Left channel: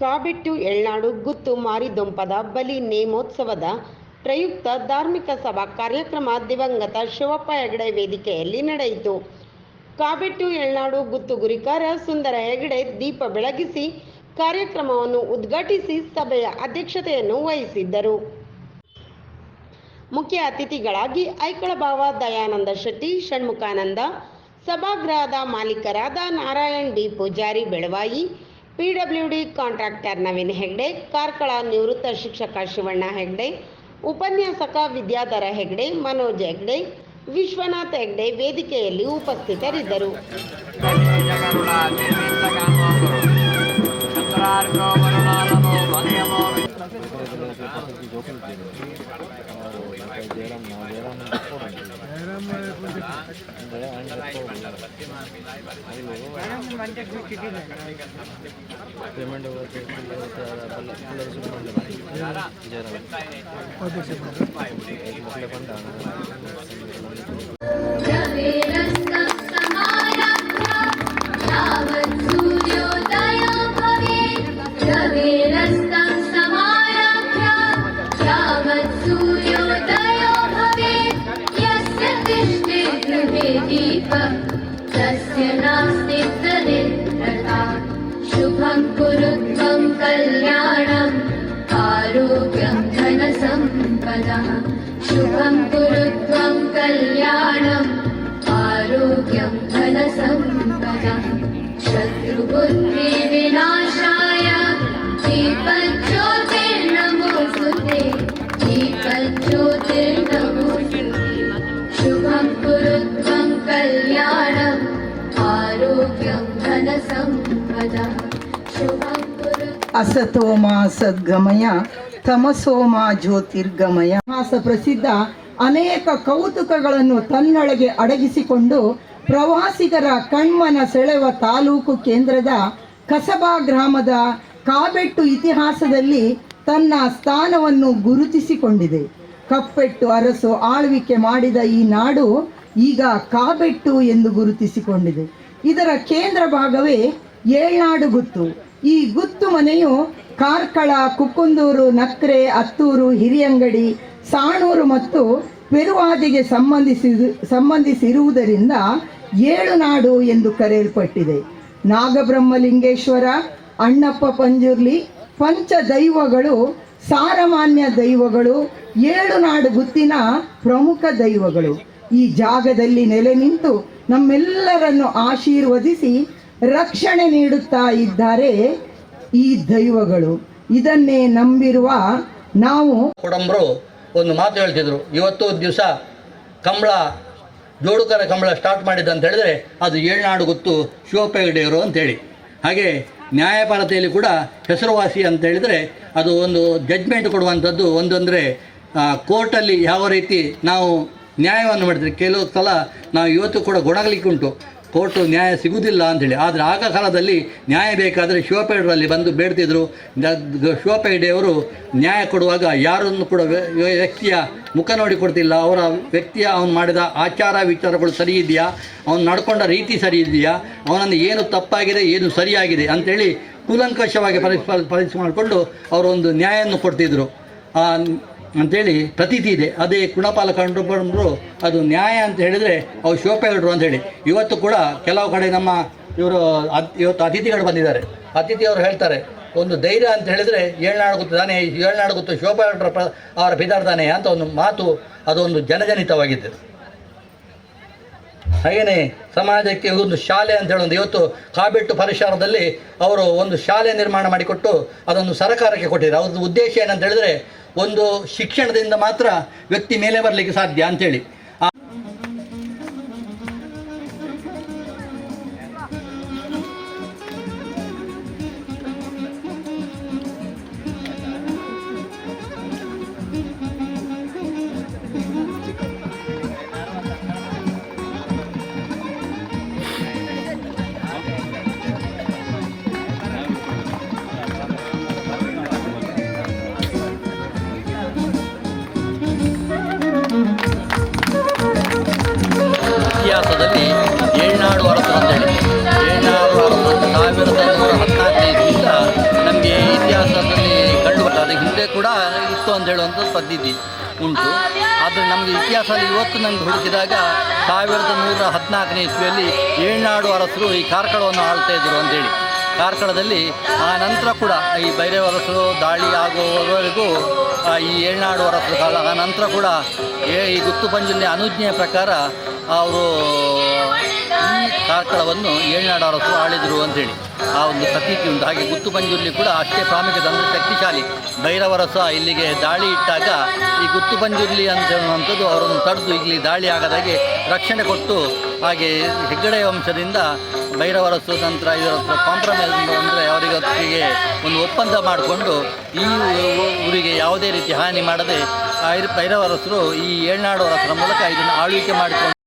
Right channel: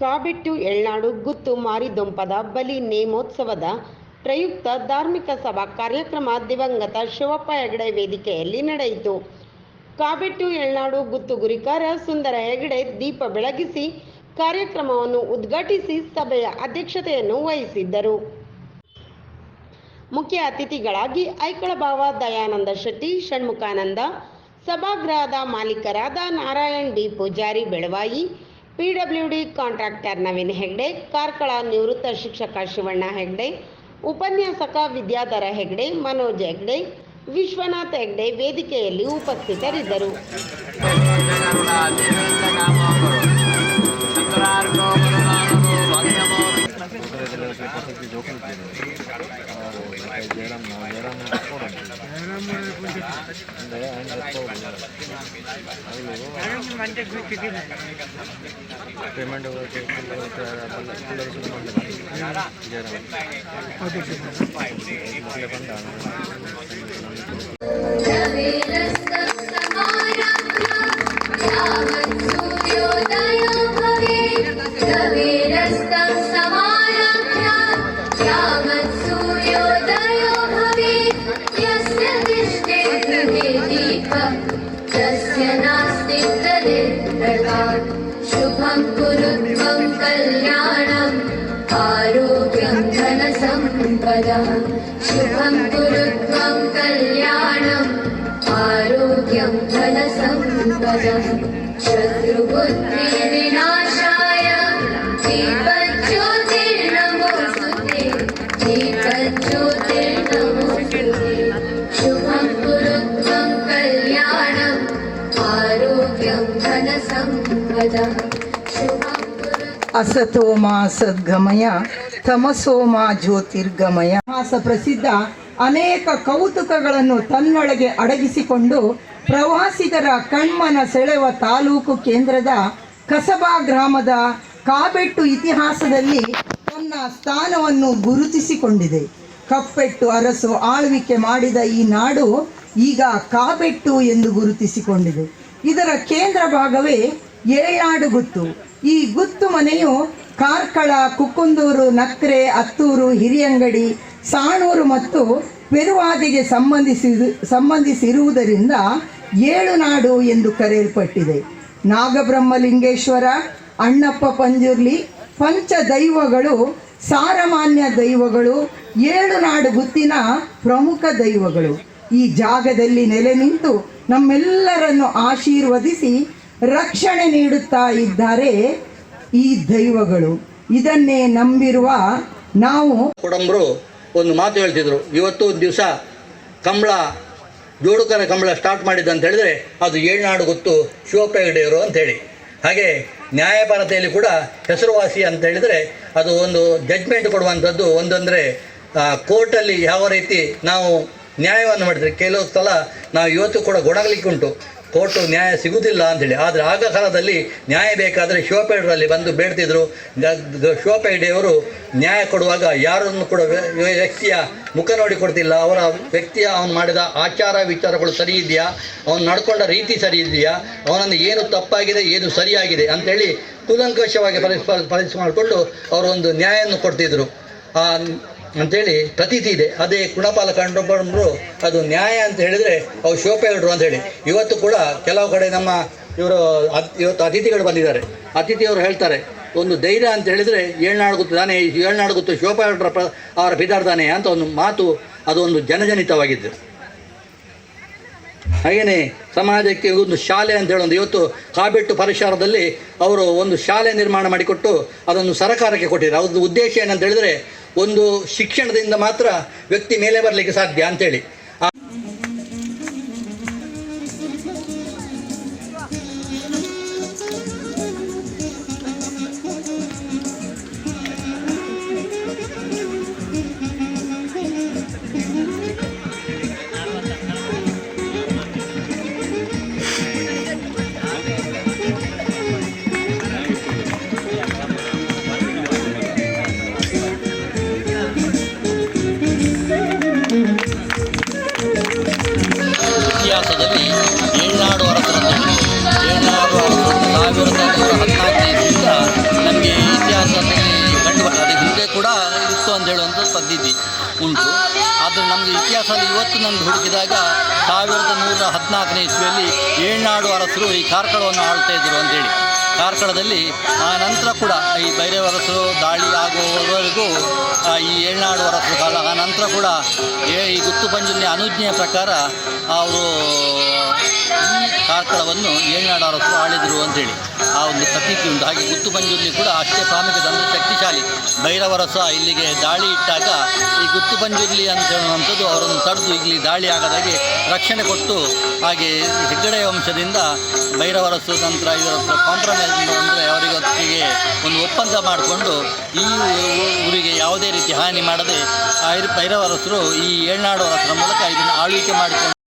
ಕಾಬಿಟ್ಟು ಎಳ್ನಾಡು ಗುತ್ತು ಮಾರಿದೊಂಪದ ಬಲಿ ನೇಮೋತ್ಸವದ ಪ್ರಯುಕ್ತ ಧಾರ್ಮಿಕ ಸಭಾ ಕಾರ್ಯಕ್ರಮ ದಿವಂಗತ ಶಿವಪ್ಪ ಹೆಗಡೆ ವೇದಿಕೆಯಲ್ಲಿ ನಡೆಯಿತು. ಕಾಬಿಟ್ಟು ಎಳ್ನಾಡು ಗುತ್ತು ಗುರಿಕಾರ ಸುಂದರ ಹೆಗಡೆ ದೀಪ ಬೆಳಗಿಸಿ ಕಾರ್ಯಕ್ರಮವನ್ನು ಉದ್ಘಾಟಿಸಿ ಸಭೆಯ ಅಧ್ಯಕ್ಷತೆಯನ್ನು ವಹಿಸಿದ್ದರು. ಮುಖ್ಯ ಅತಿಥಿಗಳಾಗಿ ಐಕಳಭಾವ ದಯಾನಂದ ಶೆಟ್ಟಿ, ಷಣ್ಮುಖಾನಂದ, ಸಭಾಗೃಹದ ಮಾಲೀಕರಾದ Narayan D Poojary Belavai, PWD contractor Naveen Hegde, Karkala ನಿವೃತ್ತ ಶಿಕ್ಷಕ ಶಿವಣ್ಣ ಹೆಗ್ಡೆ, ಉಪನ್ಯಾಸಕ ವಿದ್ಯಾಧರ ಹೆಗ್ಡೆ, ಮನೋಜ್ ಹೆಗ್ಡೆ, ವಿಶ್ವನಾಥ್ ಹೆಗ್ಡೆ ವೇದಿಕೆಯಲ್ಲಿ ಉಪಸ್ಥಿತರಿದ್ದರು. शुभं कुरु त्वं कल्याणं आरोग्यं धनसम्पदं शुभं कुरु त्वं कल्याणं आरोग्यं धनसम्पदं शत्रुबुद्धि विनाशाय दीपज्योतिर्नमोस्तुते दीपज्योतिर्नमोस्तुते शुभं कुरु त्वं कल्याणं आरोग्यं धनसम्पदं शुभं कुरु असतोಮ ಸದ್ಗಮಯ ತಮಸೋಮ ಜ್ಯೋತಿರ್ಗಮಯ. ಪ್ರಸಿದ್ಧ ಅನೇಕ ಕೌತುಕಗಳನ್ನು ತನ್ನೊಳಗೆ ಅಡಗಿಸಿಕೊಂಡು ಪ್ರವಾಸಿಗರ ಕಣ್ಮನ ಸೆಳೆವ ತಾಲೂಕು ಕೇಂದ್ರದ ಕಸಬಾ ಗ್ರಾಮದ ಕಾಬೆಟ್ಟು ಇತಿಹಾಸದಲ್ಲಿ ತನ್ನ ಸ್ಥಾನವನ್ನು ಗುರುತಿಸಿಕೊಂಡಿದೆ. ಕಪ್ಪೆಟ್ಟು ಅರಸು ಆಳ್ವಿಕೆ ಮಾಡಿದ ಈ ನಾಡು ಈಗ ಕಾಬೆಟ್ಟು ಎಂದು ಗುರುತಿಸಿಕೊಂಡಿದೆ. ಇದರ ಕೇಂದ್ರ ಭಾಗವೇ ಏಳ್ನಾಡು ಗುತ್ತು. ಈ ಗುತ್ತು ಮನೆಯು ಕಾರ್ಕಳ, ಕುಕ್ಕುಂದೂರು, ನಕ್ರೆ, ಅತ್ತೂರು, ಹಿರಿಯಂಗಡಿ, ಸಾಣೂರು ಮತ್ತು ಪೆರುವಾದಿಗೆ ಸಂಬಂಧಿಸಿರುವುದರಿಂದ ಏಳುನಾಡು ಎಂದು ಕರೆಯಲ್ಪಟ್ಟಿದೆ. ನಾಗಬ್ರಹ್ಮಲಿಂಗೇಶ್ವರ, ಅಣ್ಣಪ್ಪ ಪಂಜುರ್ಲಿ ಪಂಚ ದೈವಗಳು ಸಾರಮಾನ್ಯ ದೈವಗಳು, ಏಳುನಾಡು ಗುತ್ತಿನ ಪ್ರಮುಖ ದೈವಗಳು ಈ ಜಾಗದಲ್ಲಿ ನೆಲೆ ನಿಂತು ನಮ್ಮೆಲ್ಲರನ್ನು ಆಶೀರ್ವದಿಸಿ ರಕ್ಷಣೆ ನೀಡುತ್ತಾ ಇದ್ದಾರೆ ಈ ದೈವಗಳು. ಇದನ್ನೇ ನಂಬಿರುವ ನಾವು ಕೊಡಂಬರು ಒಂದು ಮಾತು ಹೇಳ್ತಿದ್ರು, ಇವತ್ತು ದಿವಸ ಕಂಬಳ ಜೋಡುಕರ ಕಂಬಳ ಸ್ಟಾರ್ಟ್ ಮಾಡಿದ್ದ ಅಂತ ಹೇಳಿದ್ರೆ ಅದು ಏಳ್ನಾಡು ಗುತ್ತು ಶಿವಪ್ಪ ಹೆಗಡೆಯವರು ಅಂತೇಳಿ. ಹಾಗೆ ನ್ಯಾಯಪರತೆಯಲ್ಲಿ ಕೂಡ ಹೆಸರುವಾಸಿ ಅಂತ ಹೇಳಿದರೆ ಅದು ಒಂದು ಜಡ್ಜ್ಮೆಂಟ್ ಕೊಡುವಂಥದ್ದು. ಒಂದಂದರೆ ಕೋರ್ಟಲ್ಲಿ ಯಾವ ರೀತಿ ನಾವು ನ್ಯಾಯವನ್ನು ಮಾಡಿದರೆ ಕೆಲವು ಸಲ ನಾವು ಇವತ್ತು ಕೂಡ ಗೊಣಗಲಿಕ್ಕೆ ಉಂಟು, ಕೋರ್ಟು ನ್ಯಾಯ ಸಿಗುವುದಿಲ್ಲ ಅಂಥೇಳಿ. ಆದರೆ ಆಗ ಕಾಲದಲ್ಲಿ ನ್ಯಾಯ ಬೇಕಾದರೆ ಶಿವಪ್ಪ ಹೆಗಡೆಯಲ್ಲಿ ಬಂದು ಬೇಡ್ತಿದ್ರು. ಶಿವಪ್ಪ ಹೆಗಡೆಯವರು ನ್ಯಾಯ ಕೊಡುವಾಗ ಯಾರನ್ನು ಕೂಡ ವ್ಯಕ್ತಿಯ ಮುಖ ನೋಡಿ ಕೊಡ್ತಿಲ್ಲ. ಅವರ ವ್ಯಕ್ತಿಯ ಅವನು ಮಾಡಿದ ಆಚಾರ ವಿಚಾರಗಳು ಸರಿ ಇದೆಯಾ, ಅವನು ನಡ್ಕೊಂಡ ರೀತಿ ಸರಿ ಇದೆಯಾ, ಅವನನ್ನು ಏನು ತಪ್ಪಾಗಿದೆ ಏನು ಸರಿಯಾಗಿದೆ ಅಂಥೇಳಿ ಕೂಲಂಕಷವಾಗಿ ಪರೀಕ್ಷೆ ಮಾಡಿಕೊಂಡು ಅವರು ಒಂದು ನ್ಯಾಯವನ್ನು ಕೊಡ್ತಿದ್ರು ಅಂಥೇಳಿ ಪ್ರತೀತಿ ಇದೆ. ಅದೇ ಕುಣಪಾಲ ಕಂಡುಕೊಂಡ್ರು ಅದು ನ್ಯಾಯ ಅಂತ ಹೇಳಿದರೆ ಅವು ಶಿವಪ್ಪ ಹೆಗಡೆರು ಅಂಥೇಳಿ. ಇವತ್ತು ಕೂಡ ಕೆಲವು ಕಡೆ ನಮ್ಮ ಇವತ್ತು ಅತಿಥಿಗಳು ಬಂದಿದ್ದಾರೆ. ಅತಿಥಿಯವರು ಹೇಳ್ತಾರೆ, ಒಂದು ಧೈರ್ಯ ಅಂತ ಹೇಳಿದರೆ ಏಳ್ನಾಡು ಗುತ್ತು ತಾನೇ, ಏಳ್ನಾಡು ಗುತ್ತು ಶಿವಪ್ಪ ಹೆಗಡೆರ ಅವರ ಬಿದಾರ್ದಾನೆ ಅಂತ ಒಂದು ಮಾತು, ಅದೊಂದು ಜನಜನಿತವಾಗಿದ್ದು. ಹಾಗೆಯೇ ಸಮಾಜಕ್ಕೆ ಒಂದು ಶಾಲೆ ಅಂತ ಹೇಳೋದು, ಇವತ್ತು ಕಾಬೆಟ್ಟು ಪರಿಸರದಲ್ಲಿ ಅವರು ಒಂದು ಶಾಲೆ ನಿರ್ಮಾಣ ಮಾಡಿಕೊಟ್ಟು ಅದನ್ನು ಸರಕಾರಕ್ಕೆ ಕೊಟ್ಟಿದ್ದಾರೆ. ಅವ್ರದ್ದು ಉದ್ದೇಶ ಏನಂತ ಹೇಳಿದರೆ ಒಂದು ಶಿಕ್ಷಣದಿಂದ ಮಾತ್ರ ವ್ಯಕ್ತಿ ಮೇಲೆ ಬರಲಿಕ್ಕೆ ಸಾಧ್ಯ ಅಂಥೇಳಿ. ಇತಿಹಾಸದಲ್ಲಿ ಏಳ್ನಾಡು ಅರಸರು ಅಂತೇಳಿ, ಏಳ್ನಾಡು ಅರಸರು 1114 ಇಸ್ವಿಯಿಂದ ನಮಗೆ ಇತಿಹಾಸದಲ್ಲಿ ಕಂಡು ಬರ್ತದೆ. ಅದು ಹಿಂದೆ ಕೂಡ ಇತ್ತು ಅಂತ ಹೇಳುವಂಥ ಪದ್ಧತಿ ಉಂಟು. ಆದರೆ ನಮಗೆ ಇತಿಹಾಸದಲ್ಲಿ ಇವತ್ತು ನನಗೆ ಹುಡುಕಿದಾಗ 1114ನೇ ಇಸ್ವಿಯಲ್ಲಿ ಏಳ್ನಾಡು ಅರಸರು ಈ ಕಾರ್ಕಳವನ್ನು ಆಳ್ತಾ ಇದ್ದರು ಅಂತೇಳಿ. ಕಾರ್ಕಳದಲ್ಲಿ ಆ ನಂತರ ಕೂಡ ಈ ಬೈರೇವ ಅರಸರು ದಾಳಿ ಆಗುವವರೆಗೂ ಈ ಏಳ್ನಾಡು ಅರಸರು ಕಾಲ, ಆ ನಂತರ ಕೂಡ ಈ ಗುತ್ತುಪಂಜುಲಿ ಅನುಜ್ಞೆಯ ಪ್ರಕಾರ ಅವರು ಈ ಕಾರ್ಕಳವನ್ನು ಏಳ್ನಾಡು ಅರಸರು ಆಳಿದರು ಅಂತೇಳಿ ಆ ಒಂದು ಪ್ರತೀತಿ ಉಂಟು. ಹಾಗೆ ಗುತ್ತುಪಂಜುಲಿ ಕೂಡ ಅಷ್ಟೇ ಪ್ರಾಮುಖ್ಯತೆ, ಅಂದರೆ ಶಕ್ತಿಶಾಲಿ. ಭೈರವರಸ ಇಲ್ಲಿಗೆ ದಾಳಿ ಇಟ್ಟಾಗ ಈ ಗುತ್ತುಪಂಜುರ್ಲಿ ಅಂತ ಹೇಳುವಂಥದ್ದು ಅವರನ್ನು ತಡೆದು ಇಲ್ಲಿ ದಾಳಿ ಆಗದಾಗೆ ರಕ್ಷಣೆ ಕೊಟ್ಟು, ಹಾಗೆ ಹೆಗ್ಗಡೆ ವಂಶದಿಂದ ಭೈರವರಸು ನಂತರ ಇವರ ಹತ್ರ ಕಾಂಪ್ರಮೈಸ್ ಅಂದರೆ ಅವರಿಗೊತ್ತಿಗೆ ಒಂದು ಒಪ್ಪಂದ ಮಾಡಿಕೊಂಡು ಈ ಊರಿಗೆ ಯಾವುದೇ ರೀತಿ ಹಾನಿ ಮಾಡದೆ ಭೈರವರಸರು ಈ ಏಳ್ನಾಡು ಅರಸರ ಮೂಲಕ ಇದನ್ನು ಆಳ್ವಿಕೆ ಮಾಡಿಕೊಂಡು